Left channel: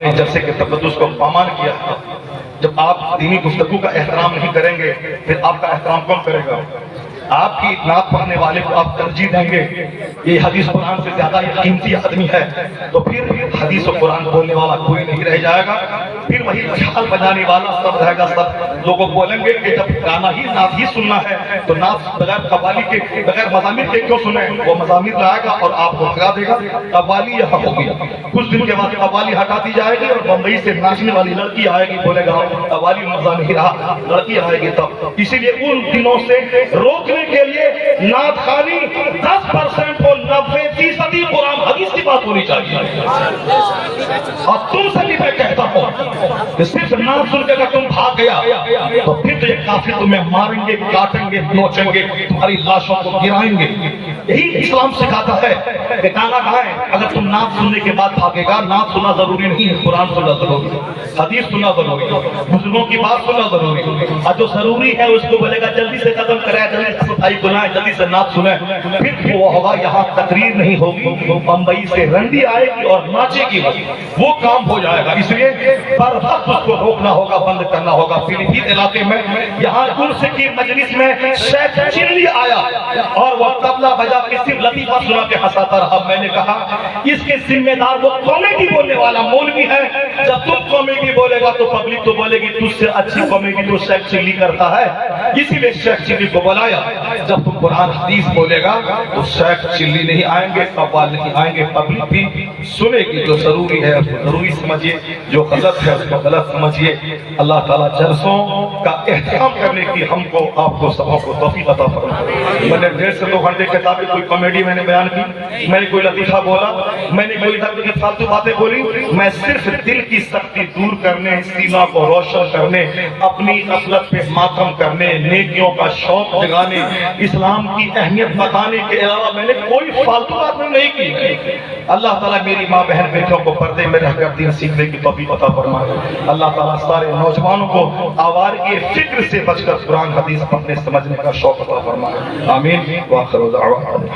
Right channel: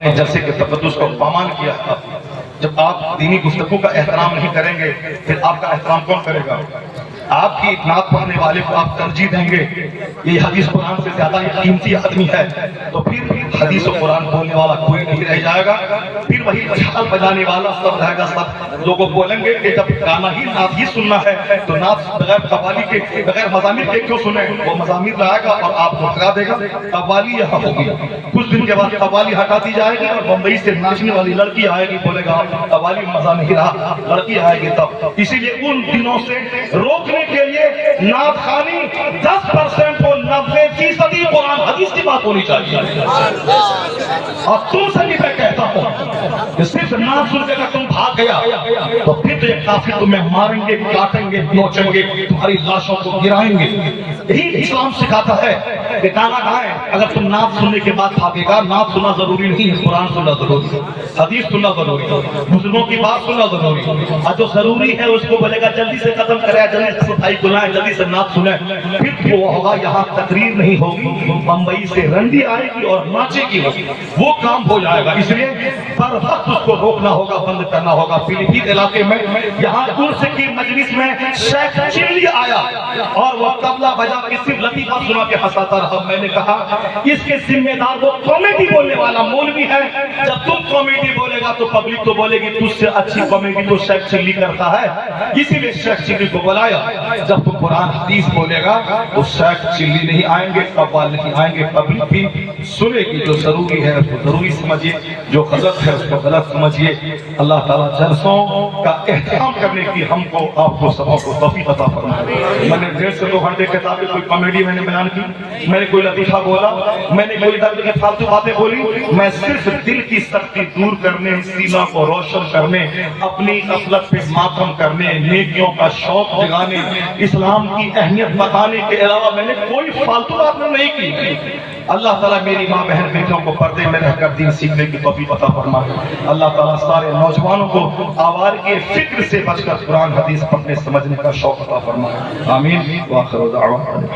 جلسے کے تقدس کو پامال کیا تھا۔ جب آپ دینی گفتگو کا احترام نہیں کریں گے پھر آپ کا احترام کون کرے گا؟ آپ کی نعت پڑھنے والے کو آپ ترجیح دیں گے یہ حدیث قرآن سے زیادہ یہ قیمتی آدمی ہے، تو پھر حدیث و قرآن بولنے والا کوئی نہیں رہ جائے گا۔ پھر وہی جھال بجانے والا سب رہے گا۔ سب لوگوں بولیں گے کہ جب گانا ہی نعت ہی سننا ہے تو نعت بغیر قوالی کے بغیر مزامیر کے کیوں سنیں؟ وہ مزامیر لائے گا اور آپ کو ہٹا دے گا۔ قوالی یہاں ہوگی، کچھ دن کے بعد قوالی ہٹا دی جائے گی اور بمبئی سے ناچنے والی لڑکی آئے گی، بولے گا قوالی مزہ نہیں رہا، لڑکی آئے گی تب۔ اسی لیے ان دنوں سے روکنے کے لیے نعت خوانی 10% اور 90% قرآن حدیث کی بات ہونی چاہیے۔ اور تم سے بھی میں کہتا ہوں کہ صرف نعت سن کے اگر تم بھاگ گیا تو پھر تو یہ کافر تمہیں ماریں گے، کاٹیں گے، نوچیں گے، تمہاری لاشوں کو گرائیں گے۔ یہی اسلام سکھاتا ہے کہ گانا گائیں، اگر تم نعت سننے کے بعد بھاگے گا، نعت سننا ضروری نہیں ہے، قرآن سننا ضروری ہے، حدیث سننا ضروری ہے، بزرگوں کی بات سننا ضروری ہے۔ اور جو ضروری ہے اس کو بولے گا جلدی سے ختم کریں، جلدی سے صفائی بنائیں، جلدی سے نعت سنیں، پھر وہ ہوگا یہاں تقریر نہیں ہوگی، بمبئی سے رنڈی آئے گی اور ناچے گی، وہ کام ہو جائے گا۔ اس لیے پر وقت اس کو روکنا ہوگا، بند کرنا ہوگا۔ پیلی بھیت علاقے میں یہاں انس کی مجلس میں شیخ چلی آیا اور وہ طبلہ بجا کے صرف لطیفہ سنا کے ہنساتا رہا۔ میں نے کہا اس کے ذمہ دار وہ کامیڈی بولنے والا مولوی ہے۔ جب تم کامیڈی بولے گا تو پبلک تو بولے گی تجھ سے اچھی کامیڈی تو شیخ چلی کرتا ہے، اسی لیے شیخ چلی کو بلایا۔ جب تم قرآن حدیث بولے گا تو شیخ چلی نہیں آئیں گے، قوال نہیں آئیں گے، پبلک بھی سنے گی۔ جو ضروری ہے اس کو ضروری سمجھیے، جو غلط ہے اس کو غلط سمجھیے۔ اللہ تعالیٰ جلسوں کا احترام کرنے کی ہم کو آپ کو سبوں کو توفیق عطا فرمائے۔ میں نے ڈھیر سے 2 کتابیں، کوئی کامیڈی میں نے بیان کی، میں نے کوئی لطیفہ بولا، میں نے کوئی فالتو باتیں بولی، میں صرف دل کی سختی دور کرنے، سیما کو روشن کرنے، اپنی غفلت پہ ماتم کرنے، نیکیوں کا شوق جگانے، اسلام کی اہمیت بتانے کے علاوہ میں نے کوئی فالتو بات نہیں کی۔ اللہ تعالیٰ میری ماں بہن بیٹوں کو پردے میں رہ کر دین سیکھنے کی توفیق عطا فرمائے۔ اللہ تعالیٰ سارے نوجوانوں کو آوارگی فکر سے بچ کر قرآن حدیث پڑھنے سمجھنے کا شوق عطا فرمائے۔ آمین وآخر دعوانا۔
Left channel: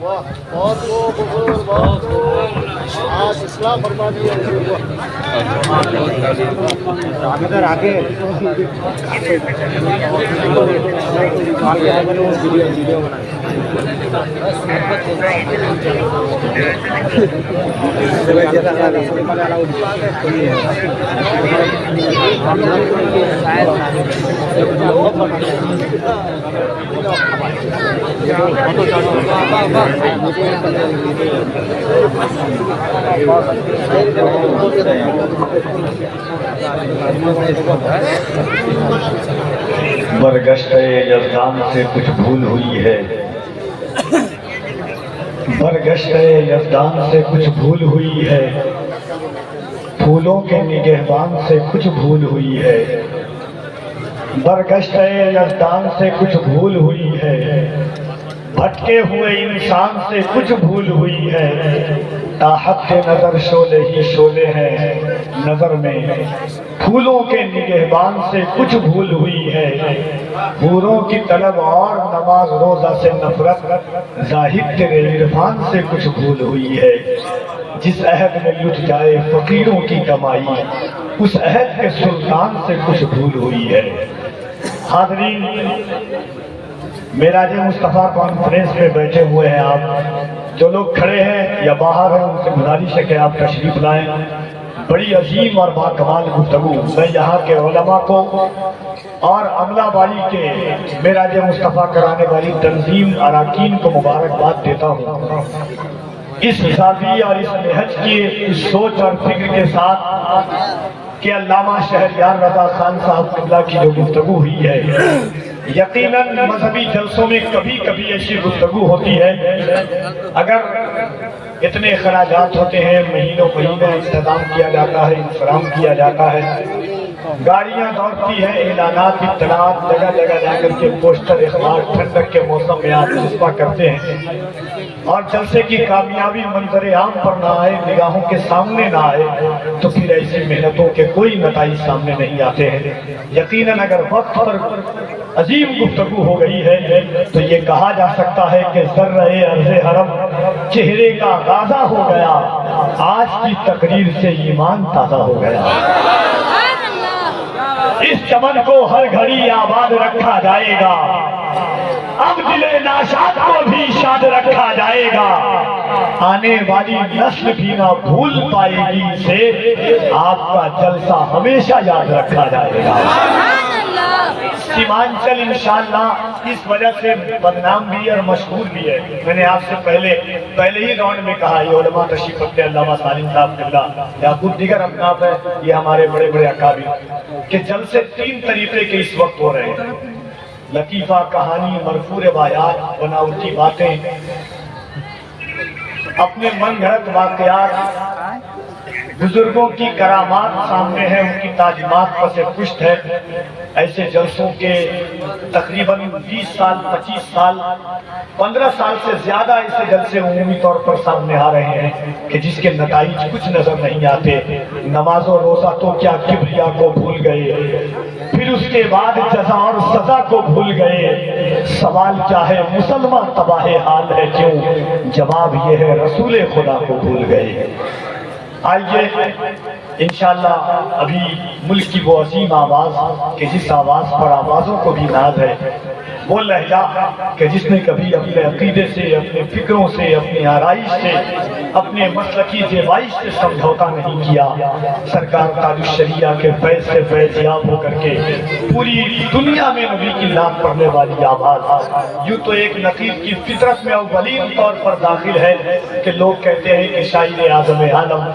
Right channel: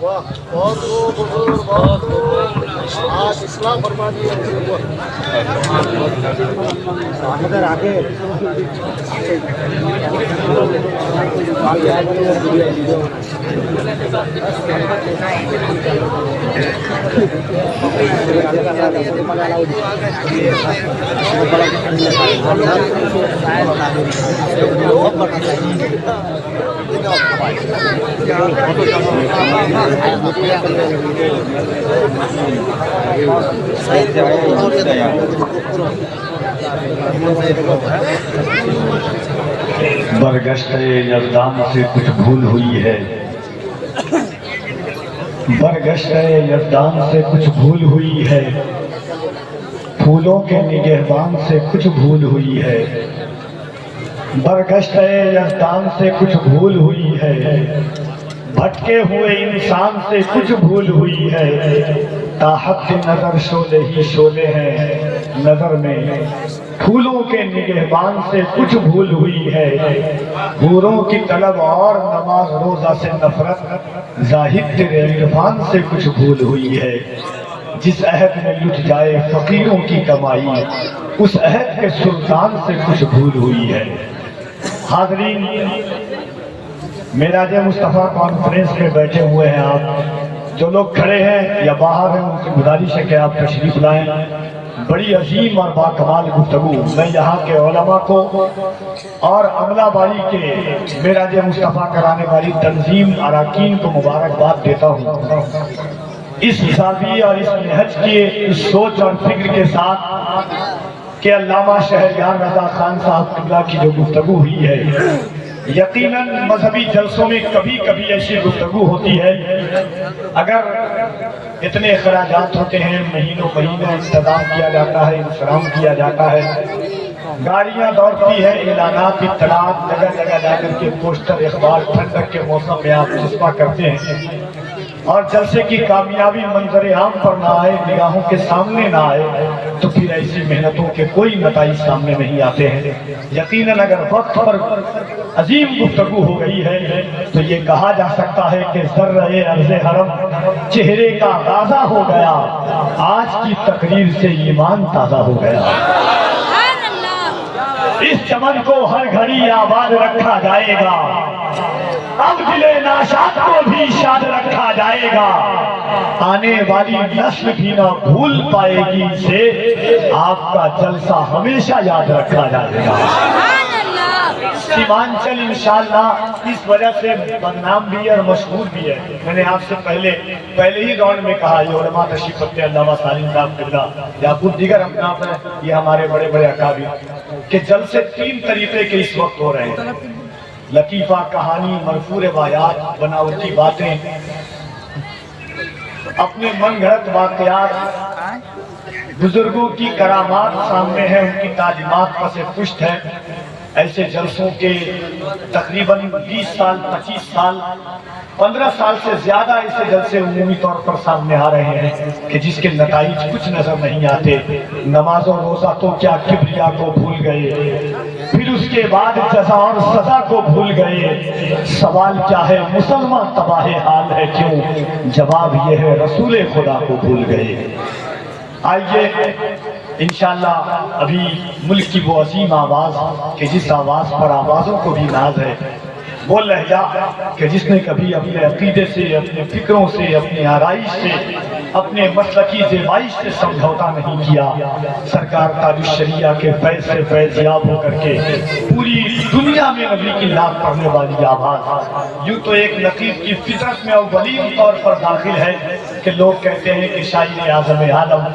بہت بزرگ، بہت آپ اسلام فرما دیے آگے ویڈیو برگشت یزدان سے کچھ بھول ہوئی ہے، برگشت یزدان سے کچھ بھول ہوئی ہے، پھولوں کے نگہبان سے کچھ بھول ہوئی ہے، برگشت یزدان سے کچھ بھول ہوئی ہے، بھٹکے ہوئے انسان سے کچھ بھول ہوئی ہے، تاحت کے نظر شعلے ہی شعلے ہیں نظر میں، پھولوں کے نگہبان سے کچھ بھول ہوئی ہے، حوروں کی طلب اور نماز روزہ سے نفرت، زاہد تیرے عرفان سے کچھ بھول ہوئی ہے، جس عہد میں لٹ جائے فقیروں کی کمائی، اس عہد کے سلطان سے کچھ بھول ہوئی ہے۔ حاضرین، معراج مصطفیٰ کانفرنس میں بیٹھے ہوئے ہیں آپ، جو لوگ کھڑے ہیں یا باہر ہیں ان سے گزارش ہے کہ آپ تشریف لائیں۔ بڑی عظیم اور باکمال گفتگو، میں یہاں کے علماء کو اور عملہ بائی کے معراج مصطفیٰ کرانے والی تنظیم اراکین کو مبارکباد دیتا ہوں۔ اس حسابی اور اس نہج کی اس سوچ اور فکر کے ساتھ کہ علامہ شہریار رضا خان صاحب قبلہ کی جو گفتگو ہوئی ہے، یقیناً مذہبی جلسوں میں کبھی کبھی ایسی گفتگو ہوتی ہے، اگر اتنے اخراجات ہوتے ہیں، مہینوں مہینے انتظام کیا جاتا ہے، انتظام کیا جاتا ہے، گاڑیاں دوڑتی ہیں، اعلانات، اطلاعات، جگہ جگہ جا کر کے پوسٹر، اخبار، ٹھنڈک کے موسم میں آپ جذبہ کرتے ہیں، اور جلسے کی کامیابی منظر عام پر نہ آئے، نگاہوں کے سامنے نہ آئے، تو پھر ایسی محنتوں کے کوئی نتائج سامنے نہیں آتے ہیں۔ یقیناً اگر وقت پر عظیم گفتگو ہو گئی ہے تو یہ کہا جا سکتا ہے کہ ذرہ عرض حرم چہرے کا غازہ ہو گیا، آج آج کی تقریر سے ایمان تازہ ہو گیا۔ اس چمن کو ہر گھڑی آباد رکھا جائے گا، اب دل ناشاد کو بھی شاد رکھا جائے گا، آنے والی نسل بھی نہ بھول پائے گی اسے، آپ کا جلسہ ہمیشہ یاد رکھا جائے گا۔ سیمانچل انشاءاللہ اس وجہ سے بدنام بھی ہے اور مشہور بھی ہے۔ میں نے آپ سے پہلے ہی گون میں کہا، یہ علماء تشریف رکھتے ہیں، علامہ سالم صاحب قبلہ یا کچھ دیگر اپناف ہے، یہ ہمارے بڑے بڑے اکابر کہ جلسے 3 طریقے کے اس وقت ہو رہے ہیں: لطیفہ، کہانی، مرفوع روایات، بناوٹی باتیں، اپنے من گھڑت واقعات، بزرگوں کی کرامات سامنے ہیں، ان کی تعلیمات پر سے پشت ہے۔ ایسے جلسوں کے تقریباً 20 سال، 25 سال، 15 سال سے زیادہ ایسے جلسے عمومی طور پر سامنے آ رہے ہیں کہ جس کے نتائج کچھ نظر نہیں آتے۔ نماز و روزہ تو کیا کبریا کو بھول گئے، پھر اس کے بعد جزا اور سزا کو بھول گئے۔ سوال کیا ہے مسلمان تباہ حال ہے کیوں، جواب یہ ہے رسول خدا کو بھول گئے۔ آئیے انشاءاللہ ابھی ملک کی وہ عظیم آواز کہ جس آواز پر آوازوں کو بھی ناز ہے، وہ لہجہ کہ جس نے کبھی اپنے عقیدے سے، اپنے فکروں سے، اپنی آرائش سے، اپنے مسلکی زیبائش سے سمجھوتا نہیں کیا۔ سرکار تاج الشریعہ کے فیض سے فیضیاب ہو کر کے پوری دنیا میں نبی کی نام پڑھنے والی آواز، یوں تو ایک نقیب کی فطرت میں اولین طور پر داخل ہے کہ لوگ کہتے ہیں کہ شاعر اعظم عالم،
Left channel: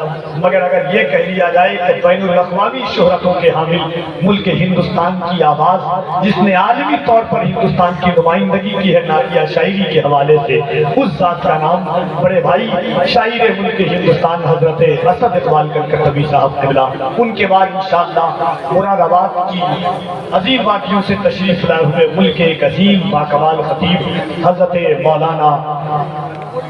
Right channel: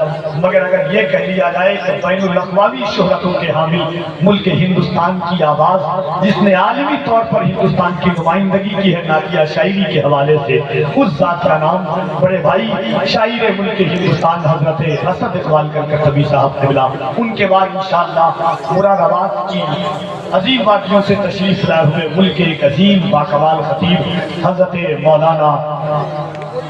مگر اگر یہ کہہ لیا جائے کہ بین الاقوامی شہرتوں کے حامل ملک ہندوستان کی آواز، جس نے عالمی طور پر ہندوستان کی نمائندگی کی ہے نعتیہ شاعری کے حوالے سے، اس ذات کا نام بڑے بھائی شاعر ملک ہندوستان حضرت اسد اقبال کلکتبی صاحب قبلہ، ان کے بعد انشاءاللہ مراد آباد کی عظیم وادیوں سے تشریف لائے ہوئے ملک کے ایک عظیم باکمال خطیب حضرت مولانا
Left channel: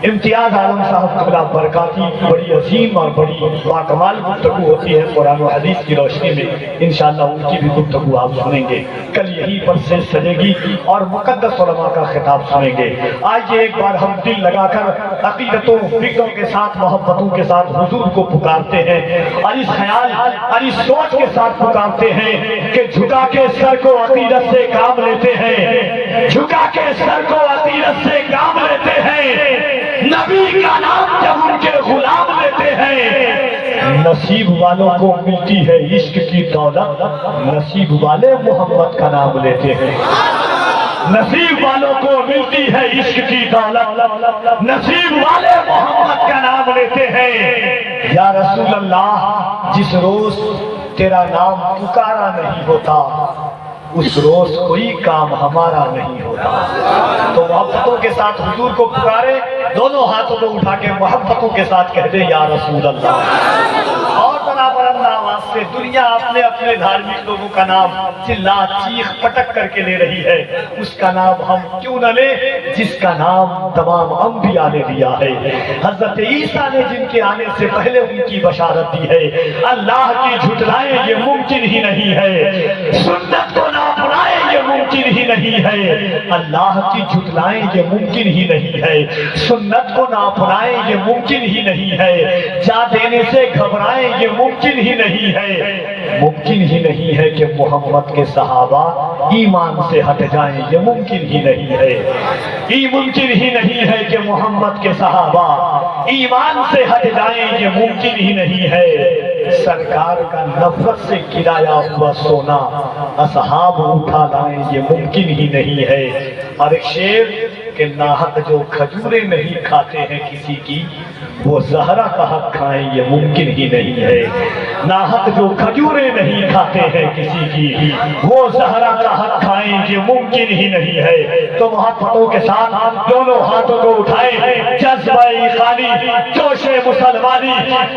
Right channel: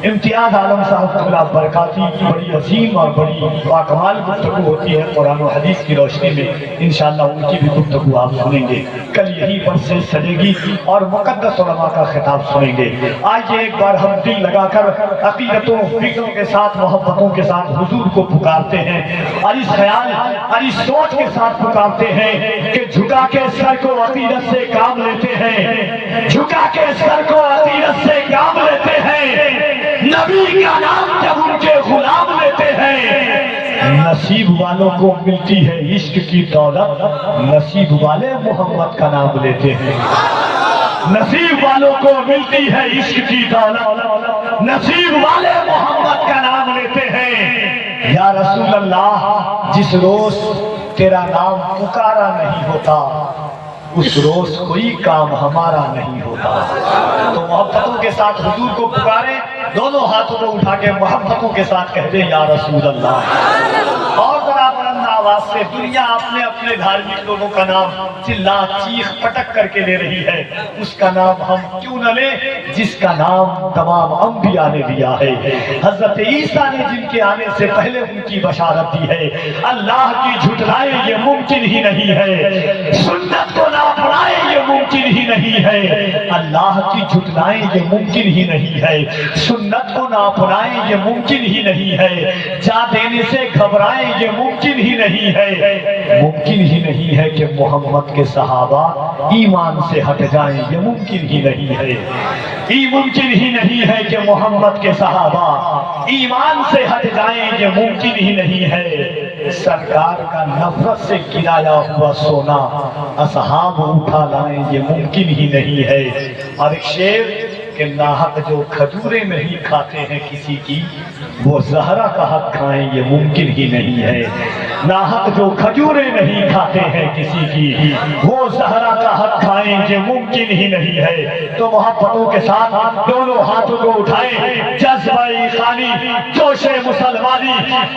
امتیاز عالم صاحب قبلہ برکاتی کی بڑی عظیم اور بڑی باکمال گفتگو ہوتی ہے قرآن و حدیث کی روشنی میں، انشاءاللہ ان کی بھی گفتگو آپ سنیں گے۔ کل یہی پر سے سجے گی اور مقدس علماء کا خطاب سنیں گے۔ آئیے ایک بار ہم دل لگا کر عقیدتوں، فکروں کے ساتھ، محبتوں کے ساتھ حضور کو پکارتے ہیں، اور اس خیال اور اس سوچ کے ساتھ پکارتے ہیں کہ جھکا کے سر کو عقیدت سے کام لیتے ہیں، جھکا کے سر کو عقیدت سے کام لیتے ہیں، نبی کا نام جب ان کے غلام لیتے ہیں۔ نصیب والوں کو ملتی ہے عشق کی دولت، نصیب والے محمد کا نام لیتے ہیں۔ نصیب والوں کو ملتی ہے عشق کی دولت، نصیب والے محمد کا نام لیتے ہیں۔ یا رسول اللہ، جس روز تیرا نام پکارا نہیں ہوتا، اس روز کوئی کام ہمارا نہیں ہوتا۔ تو محبتوں کے ساتھ حضور کو پکارے، دونوں ہاتھوں کو اٹھا کے محبتوں کے ساتھ کہتے یا رسول اللہ، اور برابر آواز سے دنیا اپنے اپنے دھارمک لوگوں کا نام چلا چیخ پٹک کر کے لے رہی ہے، اس کا نام ہم کیوں نہ لیں جس کا نام تمام انبیاء نے دیا ہے۔ حضرت عیسیٰ نے جن کے آنے سے پہلے ان کی بشارت دی ہے، اللہ کی جھٹلائیں یہ ممکن ہی نہیں ہے، سنت کو نہ اپنائیں یہ ممکن ہی نہیں ہے، اللہ کی جھٹلائیں یہ ممکن ہی نہیں ہے، سنت کو نہ اپنائیں یہ ممکن ہی نہیں ہے، جا دینے سے گھبرائیں یہ ممکن ہی نہیں ہے، ممکن ہی نہیں ہے کہ محمد کے صحابہ ایمان سے ہٹ جائیں یہ ممکن ہی نہیں ہے، یہ ممکن ہی نہیں ہے کہ محمد کے صحابہ ایمان سے ہٹ جائیں یہ ممکن ہی نہیں ہے، سرکار کا نفرت سے گرایا ہوا سونا اصحاب اٹھا لائیں یہ ممکن ہی نہیں ہے۔ اور ایک شعر کہ ناحق جو کھجوریں نہیں کھاتے ہیں کسی کی، وہ زہرا کا حق کھائیں یہ ممکن ہی نہیں ہے، ناحق جو کھجوریں نہیں کھاتے ہیں کسی کی، وہ زہرا کا حق کھائیں یہ ممکن ہی نہیں ہے۔ تو محبتوں کے ساتھ دونوں ہاتھوں کو اٹھائیں، جذبہ ایقانی، جوش مسلمانی،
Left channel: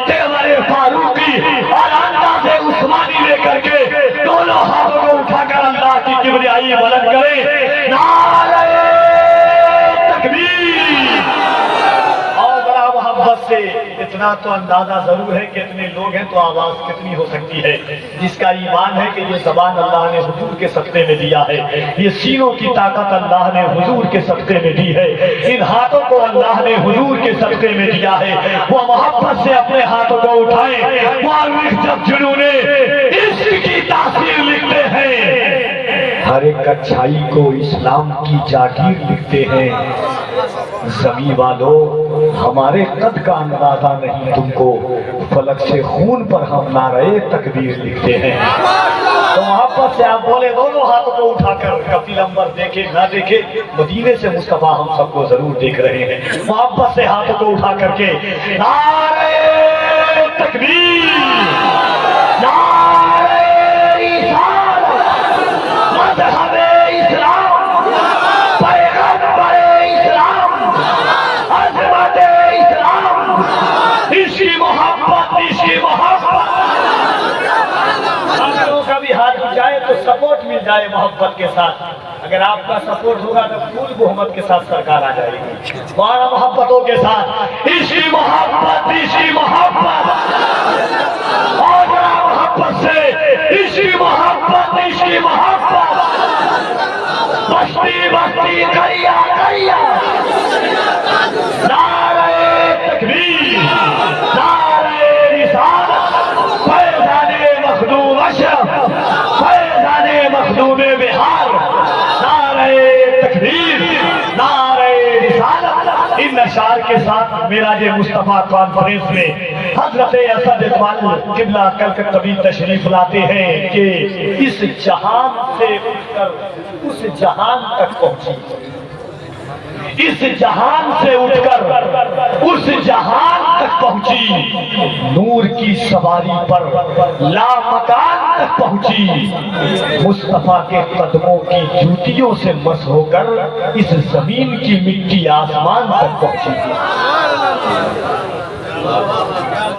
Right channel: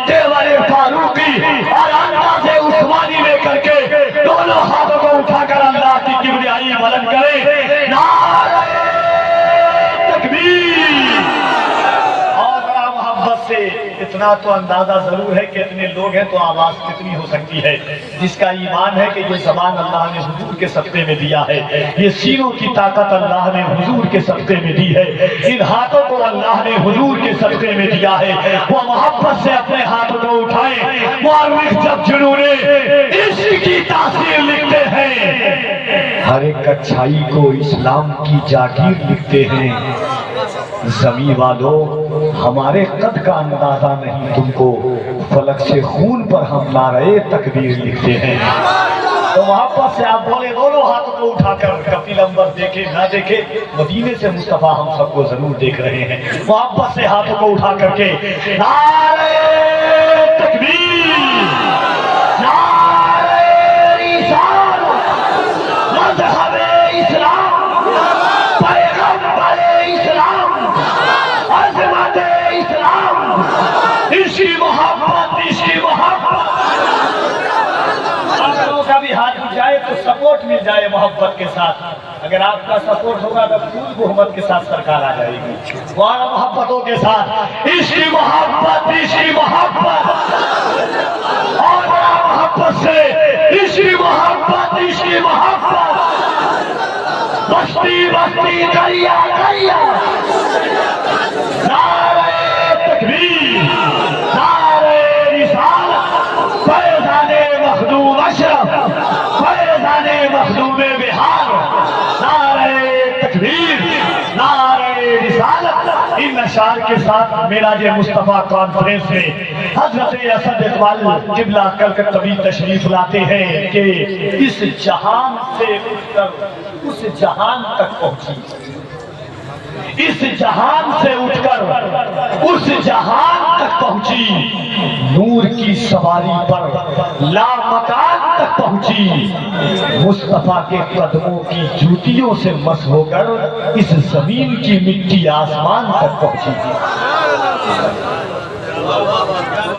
تیور فاروقی اور انداز عثمانی لے کر کے دونوں ہاتھوں کو اٹھا کر اللہ کی کبریائی بلند کریں، نعرہ تکبیر، اور بڑا محبت سے اتنا تو اندازہ ضرور ہے کہ اتنے لوگ ہیں تو آواز کتنی ہو سکتی ہے. جس کا ایمان ہے کہ یہ زبان اللہ نے حضور کے صدقے میں دیا ہے, یہ سینوں کی طاقت اللہ نے حضور کے صدقے میں دی ہے, ان ہاتھوں کو اللہ نے حضور کے صدقے میں دیا ہے, وہ محبت سے اپنے ہاتھوں کو اٹھائیں. مورخ جب جنون عشق کی تاثیر لکھتے ہیں, ہر ایک اچھائی کو اسلام کی جاگیر لکھتے ہیں. زمین والو ہمارے قد کا اندازہ نہیں تم کو, فلک سے خون پر ہم نعرے تکبیر لکھتے ہیں. تو محبت سے آپ بولے دونوں ہاتھوں کو اٹھا کر, کفیل انور دیکھے نہ دیکھے مدینے سے مصطفیٰ ہم سب کو ضرور دیکھ رہے ہیں. محبت سے ہاتھوں کو اٹھا کر کے نعرے تکبیر, نعرے رسالت, مذہب اسلام, پیغمبر اسلام, عظمت اسلام, اسی محبت, اسی محبت. کا بھی ہاتھ اٹھائے تو سپورٹ مل جائے محبت کے ساتھ. اگر آپ کا سپورٹ ہوگا تو پوری محبت کے ساتھ سرکار آ جائے گی. بارہ محبتوں کے ساتھ اسی محبت, اسی محبت, اور بڑا محبت سے اسی محبت, اسی محبت. بستی بستی دریا دریا, نعرے تکبیر, نعرے رسالت, فیضان مخدوم اشرف, فیضان مخدوم بہار, نعرے تکبیر, نعرے رسالت. ان اشعار کے ساتھ معراج مصطفیٰ کانفرنس میں حضرت اسد اقبال قبلہ کلکتوی تشریف لاتے ہیں کہ اس جہان سے اٹھ کر اس جہان تک پہنچی, اس جہان سے اٹھ کر اس جہان تک پہنچی, نور کی سواری پر لامکان تک پہنچی. مصطفیٰ کے قدموں کی جوتیوں سے مس ہو کر اس زمین کی مٹی آسمان تک پہنچی.